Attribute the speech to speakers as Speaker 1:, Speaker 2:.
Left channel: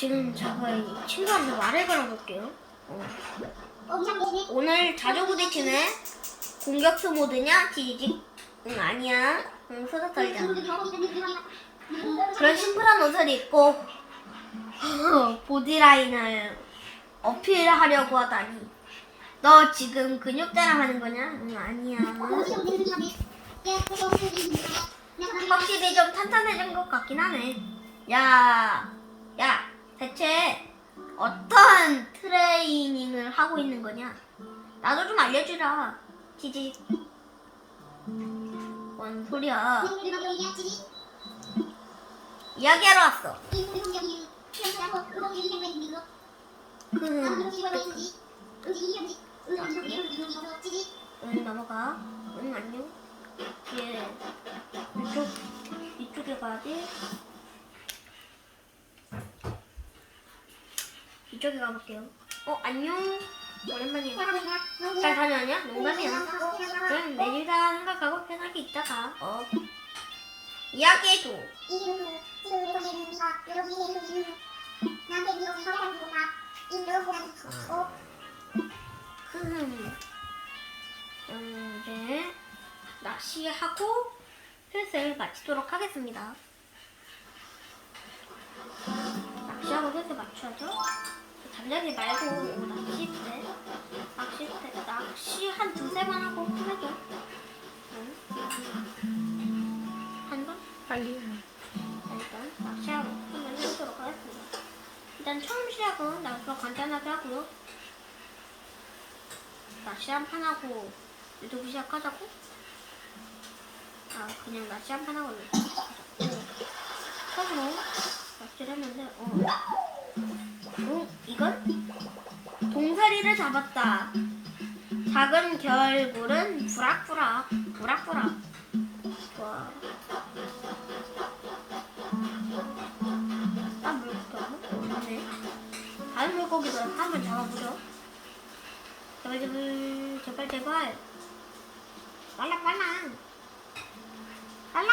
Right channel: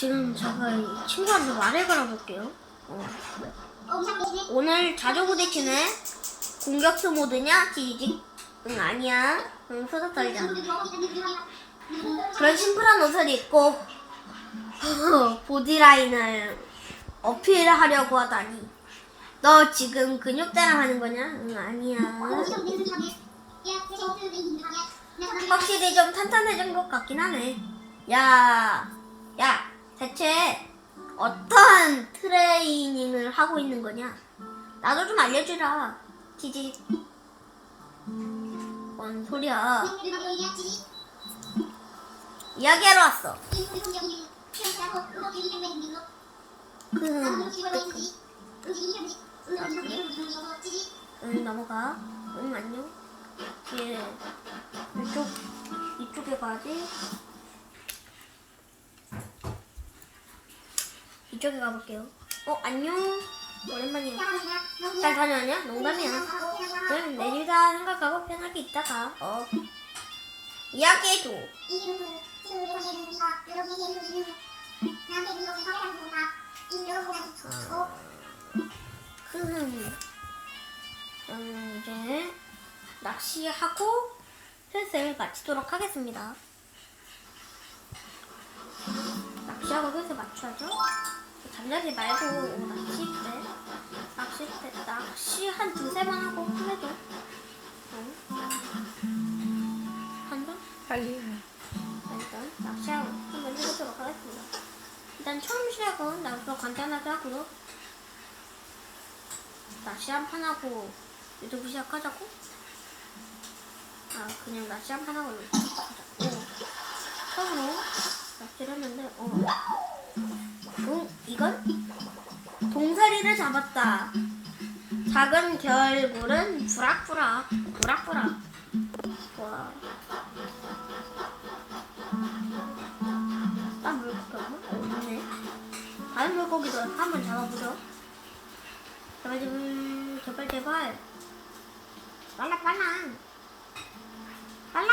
Speaker 1: 지금 제가 이 친구한테 말을 걸어볼게요. 어. 오늘 자주 부딪히네. 공격수 모드냐? 지지직. 응, 아니야. 응, 수다 떨자. 그런 심플한 옷을 입고 보디라인을 어필하려고 하다니. 너 지금 근육 자랑 하는 거냐? 응, 아니야. 확실히 좀 탄탄해진 것 같긴 하네. 야, 야, 대체 어떤 트레이닝을 하고 있는 거냐? 나도 좀 알려주라. 지지. 뭔 소리야? 이야기하러 왔어. 음, 응, 넘어가. 응, 안녕. 예. 이쪽, 이쪽에 가야지. 이쪽에 가볼게요. 어, 안녕. 오랜만이야. 잘 다녀왔냐? 농담이야. 그냥 내일다 생각하고 편하게 있다가, 어. 이야기해줘. 음, 음, 이제 낚시하고 횟을 마치도록 하겠습니다. 낚시하고 횟을 맞춰야죠. 잠자리 말고 낚싯대, 낚싯대, 낚시 한 두세 번 하고 끝내죠. 응? 한 번?
Speaker 2: 빨리.
Speaker 1: 자, 일단 낚시하고 한번 해보도록 하겠습니다. 일단 처음 시작은 나부터 간단하게 하고요. 낚시 한 판 하고 유튜브 시작하자고? 아 그냥 낚시 한 판 하고 유튜브 시작하자고. 처음으로 낚시를 했는데 어. 응 이건 동사리를 잡았다. 작은 결굴은 부락부락 부락부락. 좋아. 딴 물고기? 없네. 다른 물고기도 한번 잡아보죠. 제발 제발 제발. 빨라 빨라. 빨라.